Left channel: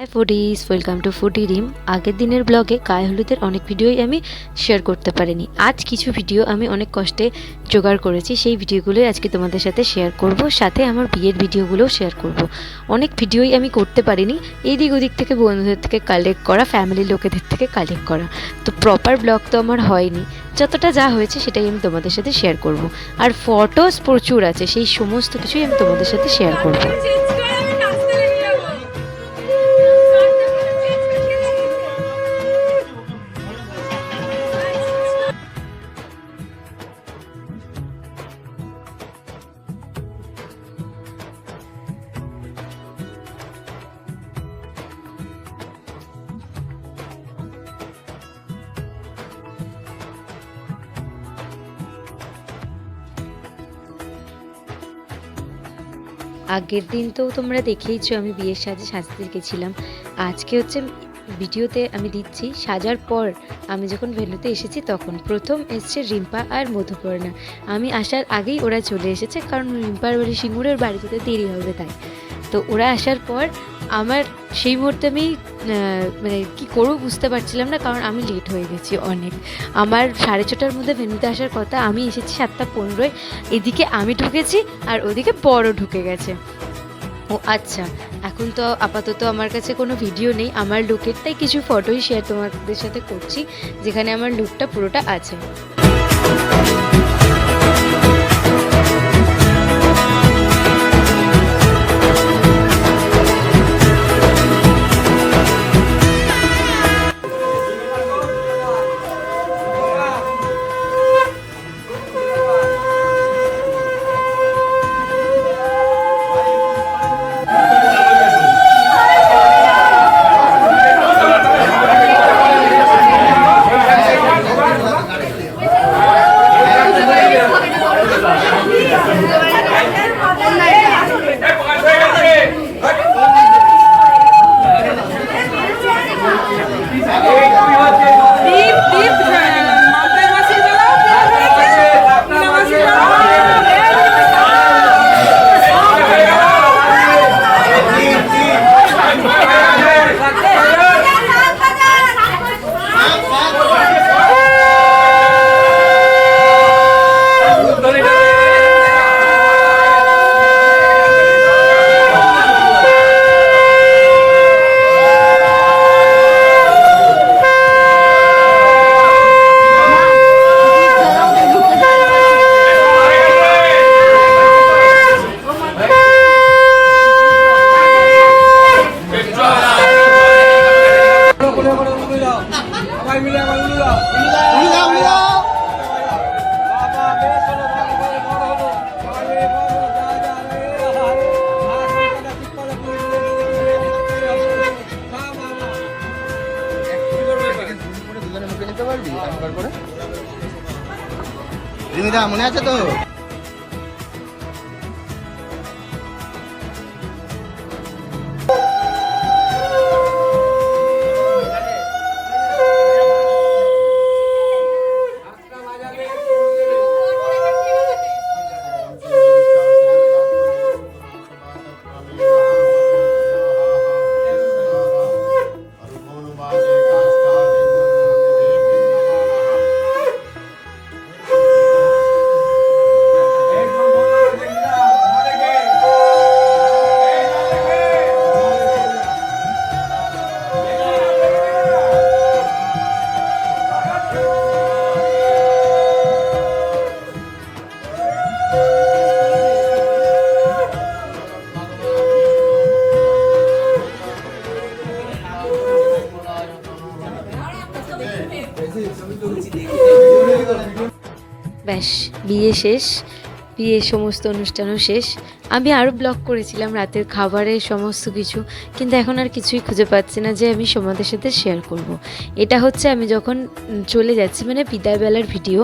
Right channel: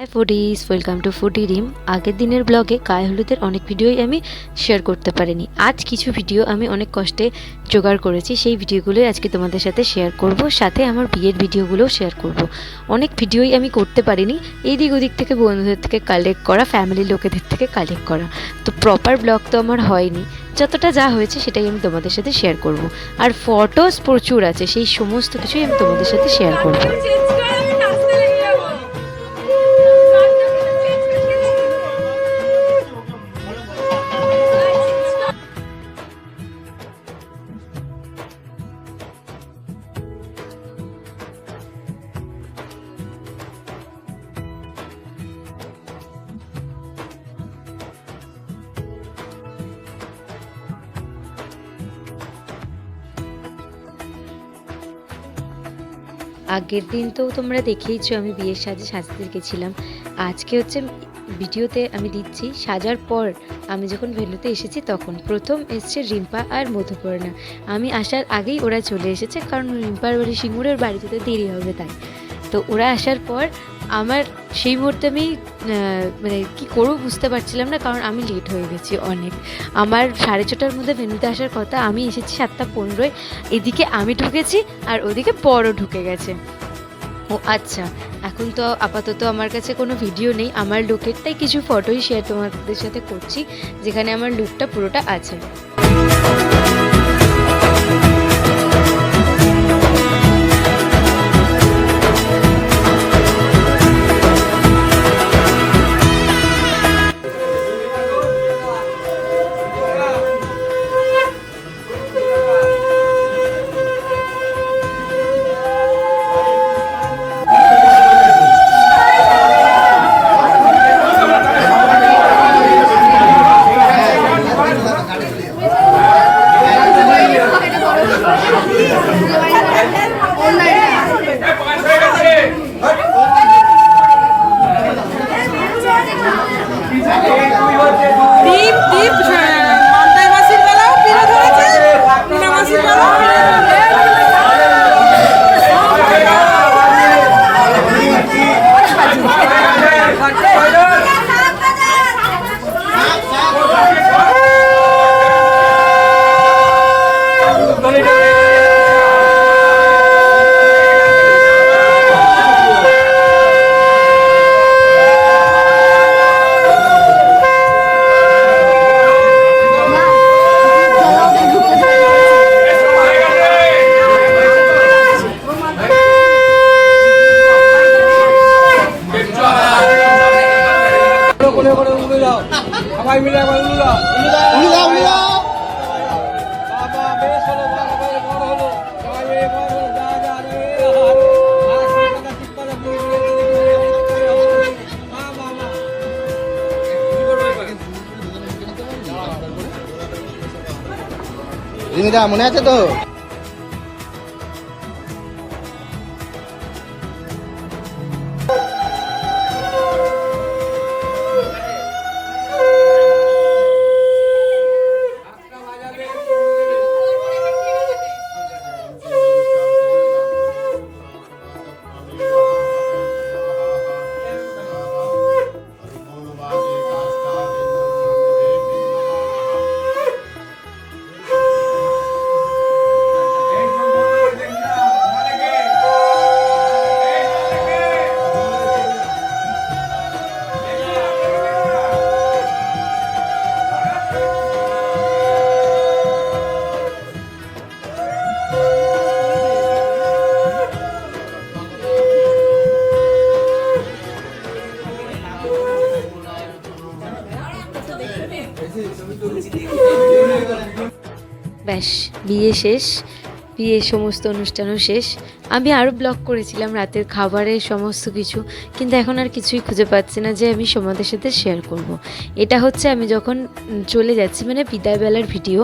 High foodies, welcome to foodie Rim. আগের দিনের ব্লগে গায়ে হলুদের অনেক ভিডিওই আমি শেয়ার করতে পারিনি। আজ কিছু ভিডিও আমি অনেক কষ্টে জোগাড় করেছি, সেই ভিডিওগুলোই আজকে তোমাদের সাথে শেয়ার করব, সাথে আমার বিয়ের ভিডিওগুলোও শেয়ার করব। অনেক ভিডিওই আমি করতে পারিনি, এইদিক ওদিক থেকে বন্ধুদের থেকে কালেক্ট করা, ফ্যামিলির লোকেদের থেকে কালেক্ট করা, তো প্রপার ব্লগ তো আমার হয়নি। যতটা যা হয়েছে সেটাই আমি তোমাদের সাথে শেয়ার করব। আর ফটোস প্রচুর আছে, সেই সমস্ত কিছুই আমি তোমাদের সাথে শেয়ার করব। আগের দিন তো তোমরা দেখেইছো আমি বিয়ের সাজতে গেছিলাম। আজকে হচ্ছে ভিডিওতে আমি দিচ্ছি সাজার পর আমি যখন ভেন্যুতে এসেছি তখন প্রথম এসছে রিম্পা আর মধুপর্ণা। আমি আসার আগেই ওরা চলে এসেছে, কারণ রিম্পার বাড়ি সিঙ্গুরের বাড়ি যেতে দেরি হবে তাই। তো ওরা আসার পর আমার সেই মুহূর্তে আমি মানে কী করবো বুঝতে পারছিলাম না, কারণ আমি লেট হয়ে গেছি অনেক। আমার 6:30টার মধ্যে ভেন্যুতে আসার কথা, আমি এসেছি 7:15। এদিকে আমি ঢুকেছি আর ওদিকে বড় ঢুকে গেছে। ও আচ্ছা, এখন তো আপাতত আমার কাছে কোনো ভিডিও নেই আমার লুকের, তাই কিছু ফটোই শেয়ার তোমাদের সাথে করছি, যেখানে আমার লুকটা পুরোটা আছে। রিমিকা মনে আছে তো? ব্যাস, বিয়ে শেষ, বিয়ের সমস্ত অনুষ্ঠানও শেষ। আমি আরও ব্লগ করেছিলাম রাতের খাবারের সমস্ত কিছু, কিন্তু এখন আর কিছুই খুঁজে পাচ্ছি না যে আমি তোমাদের সাথে শেয়ার করব। এটা হচ্ছে আমি যখন চলে যাচ্ছি, মানে বিদায়বেলার ভিডিও।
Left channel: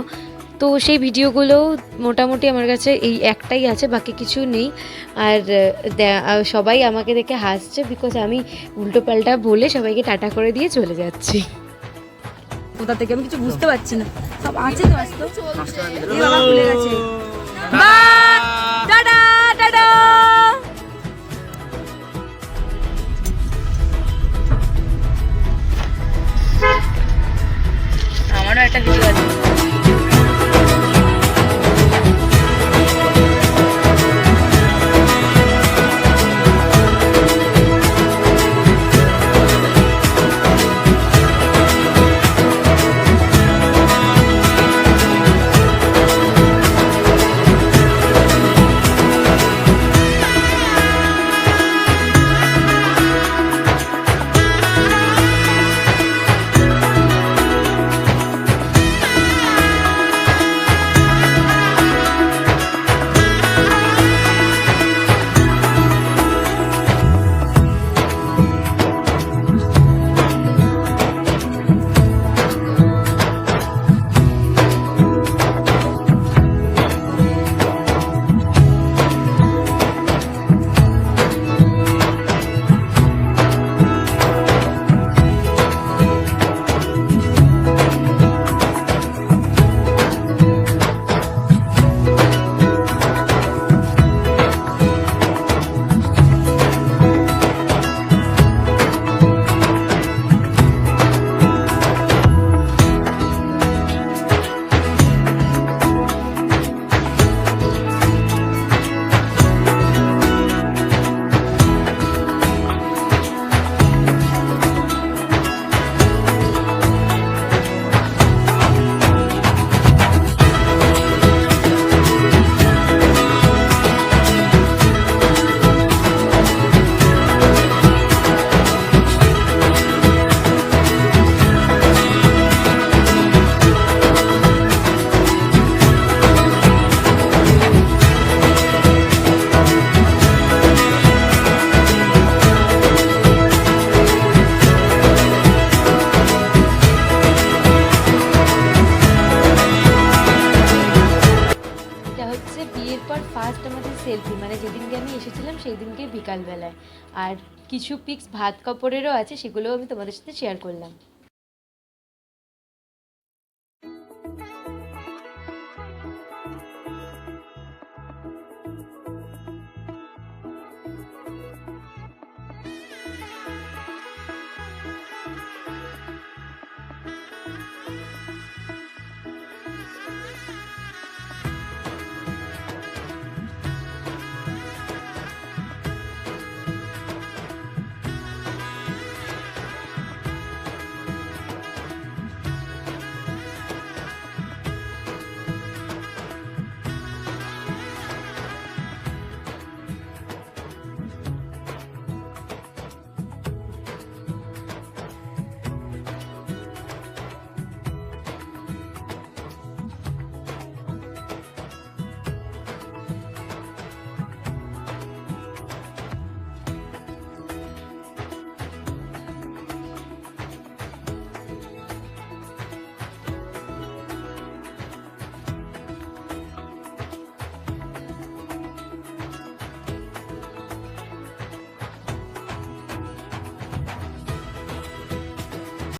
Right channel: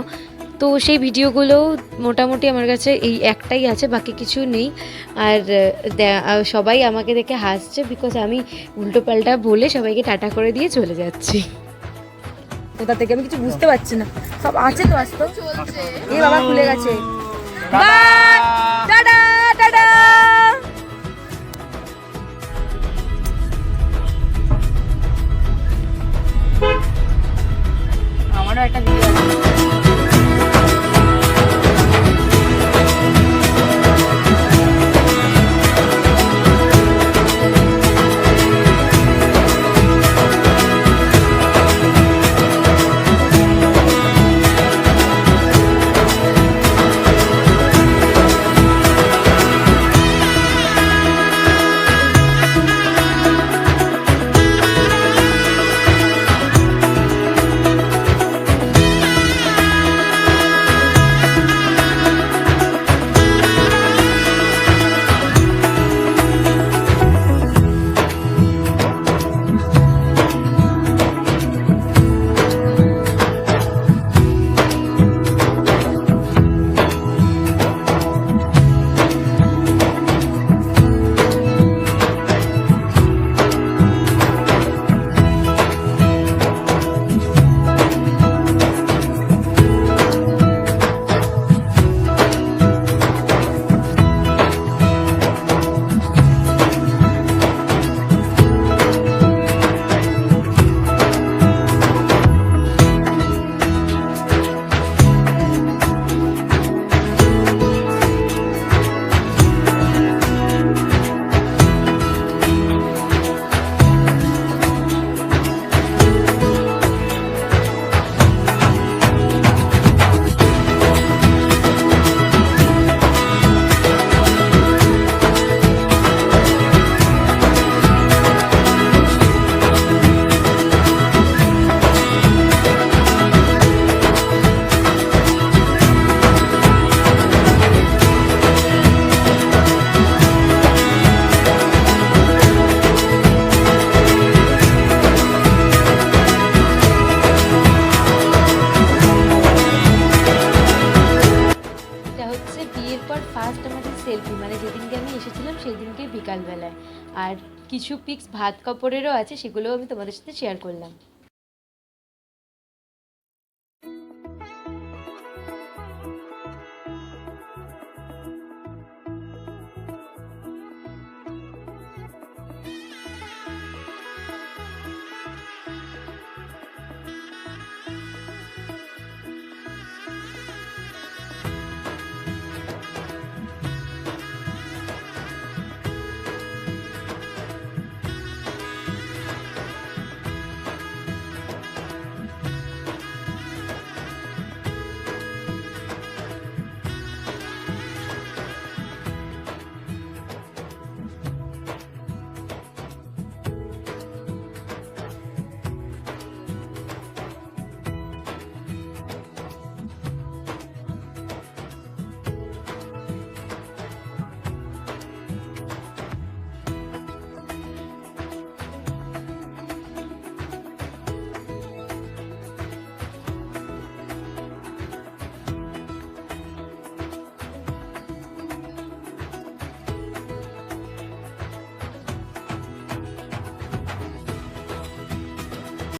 তো সেই ভিডিওগুলোও মোটামুটি আমার কাছে এই একটাই আছে, বাকি কিছু নেই। আর সবাই আমাকে দেখে হাসছে, বিকজ আমি উল্টোপাল্টা বলে সবাইকে টাটা করে দিয়ে চলে যাচ্ছি। কোথা থেকে আমি কিছু বুঝতে পারছি না, সব আছে তো আসতো এই বাবা খুলে গেছে। By tata tata. সেলফি, মানে যেদিনকে আমি এসেছিলাম সেই দিনকে বিকালবেলায়। আর কিছু পিক্স ভাত কাপড়েরও আছে, সেগুলোও আমি তোমাদের সাথে শেয়ার করলাম।